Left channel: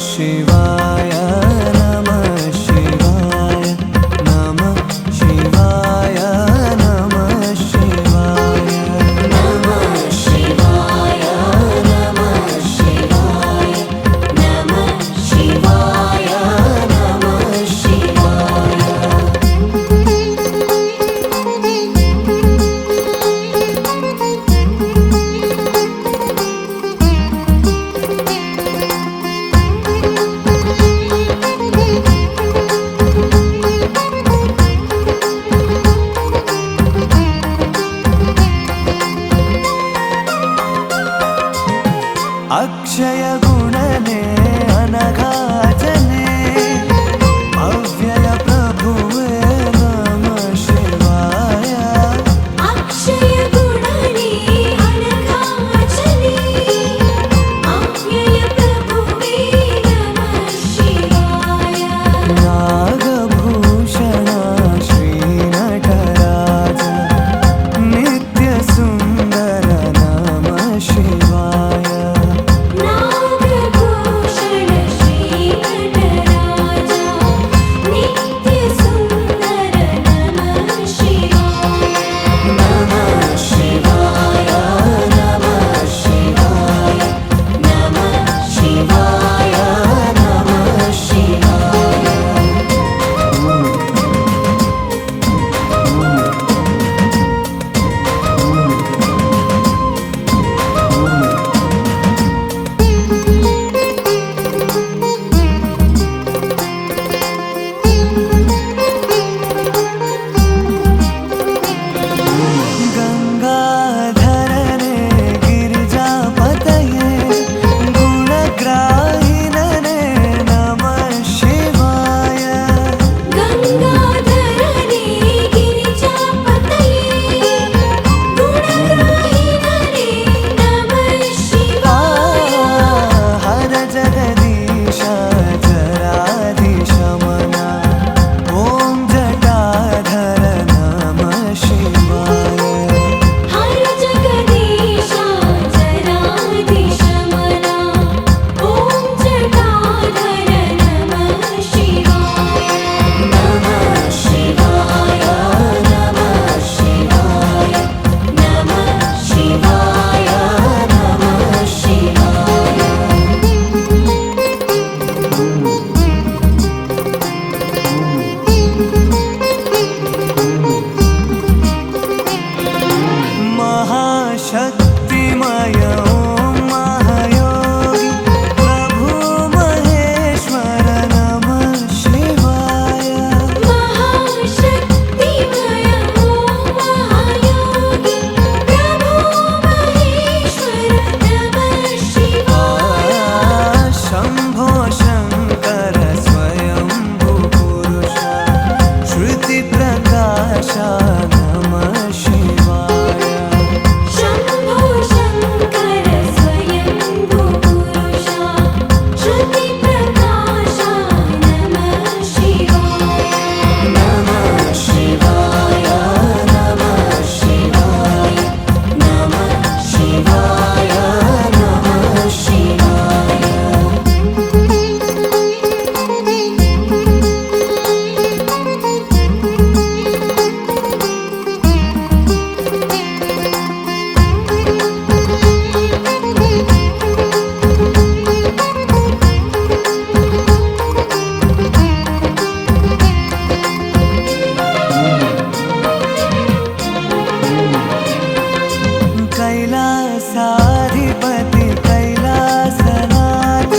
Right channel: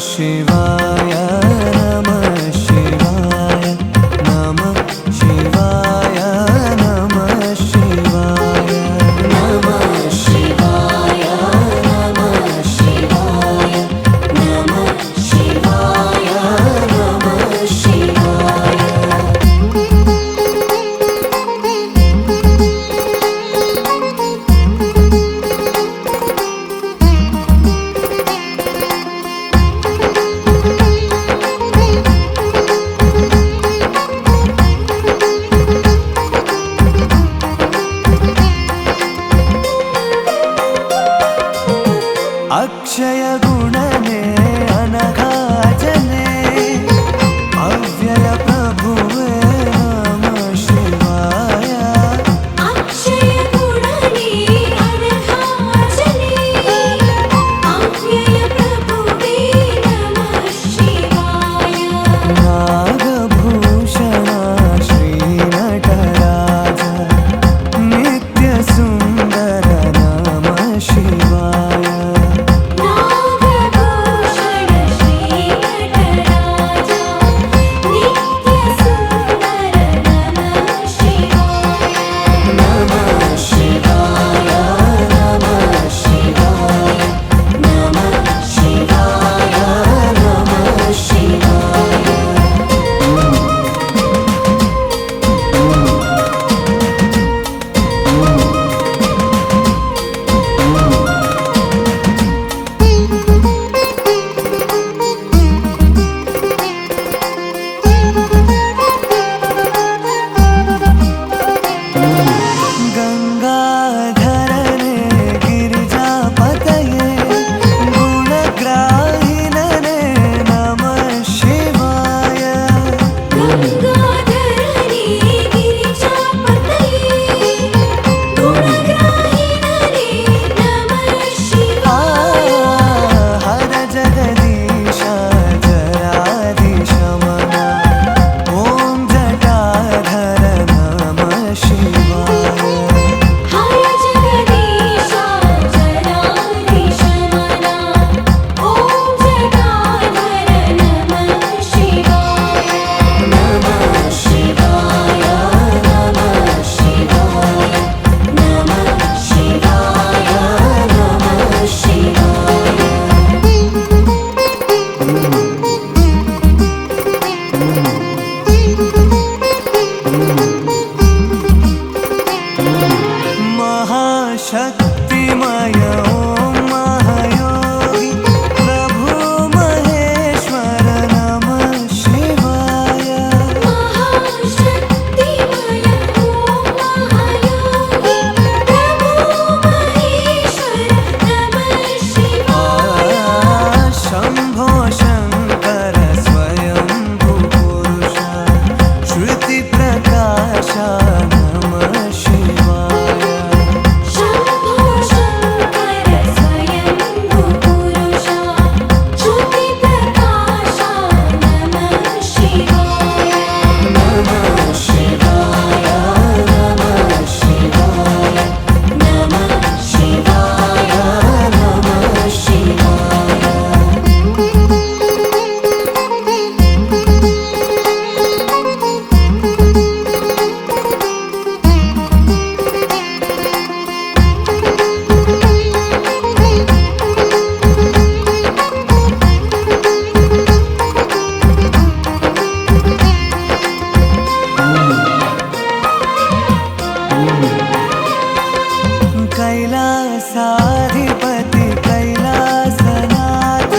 शिवाय नमः शिवाय नमः शिवाय नमः शिवाय नमः शिवाय नमः शिवाय नमः शिवाय नमः शिवाय अक्षय गुणने अनघाजने अव्यय प्रभुवे नमः शिवाय अक्षय गुणने अनघाजने अव्यय प्रभुवे नमः शिवाय नागभूषण श्रीनटराज नित्यसुन्दर नमः शिवाय नागभूषण श्रीनटराज नित्यसुन्दर नमः शिवाय नमः शिवाय नमः शिवाय नमः शिवाय नमः शिवाय गंगाधरने गिरिजापतये गुणग्राहिनने नमः शिवाय गंगाधरने गिरिजापतये गुणग्राहिनने नमः शिवाय हर जगदीश जरादिशमना ॐ जटाधर नमः शिवाय हर जगदीश जरादिशमना ॐ जटाधर नमः शिवाय नमः शिवाय नमः शिवाय नमः शिवाय नमः शिवाय महाशक्तिमय ॐ महायोगी प्रभु महेश्वर नमः शिवाय महाशक्तिमय ॐ महायोगी प्रभु महेश्वर नमः शिवाय शम्भो शङ्कर स्वयंभू पुरुष श्रुतिप्रकाश नमः शिवाय शम्भो शङ्कर स्वयंभू पुरुष श्रुतिप्रकाश नमः शिवाय नमः शिवाय नमः शिवाय नमः शिवाय नमः शिवाय कैलासाधिपति कैलासनाथ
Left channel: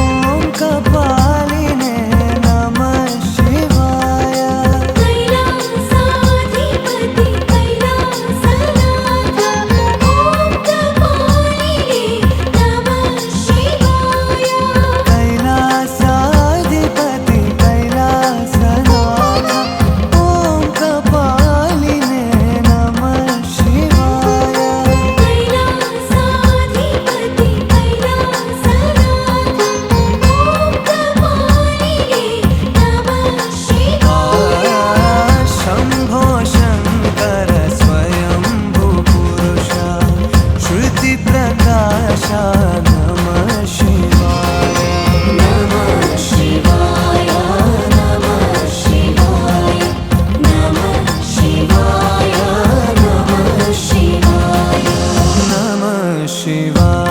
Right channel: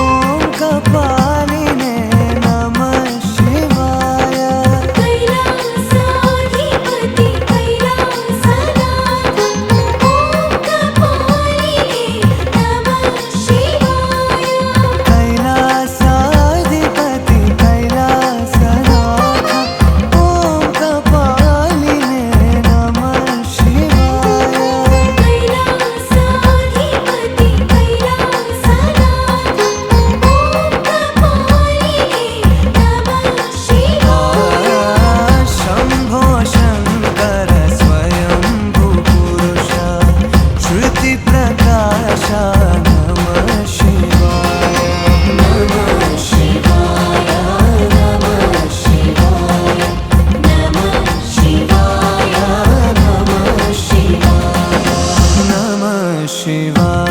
ॐ कपालिने नमः शिवाय कैलासाधिपति कैलासनाथ ॐ कपालिने नमः शिवाय कैलासाधिपति कैलासनाथ ॐ कपालिने नमः शिवाय कैलासाधिपति कैलासनाथ ॐ कपालिने नमः शिवाय शम्भो शङ्कर स्वयंभू पुरुष श्रुतिप्रकाश नमः शिवाय नमः शिवाय नमः शिवाय नमः शिवाय नमः शिवाय नमः शिवाय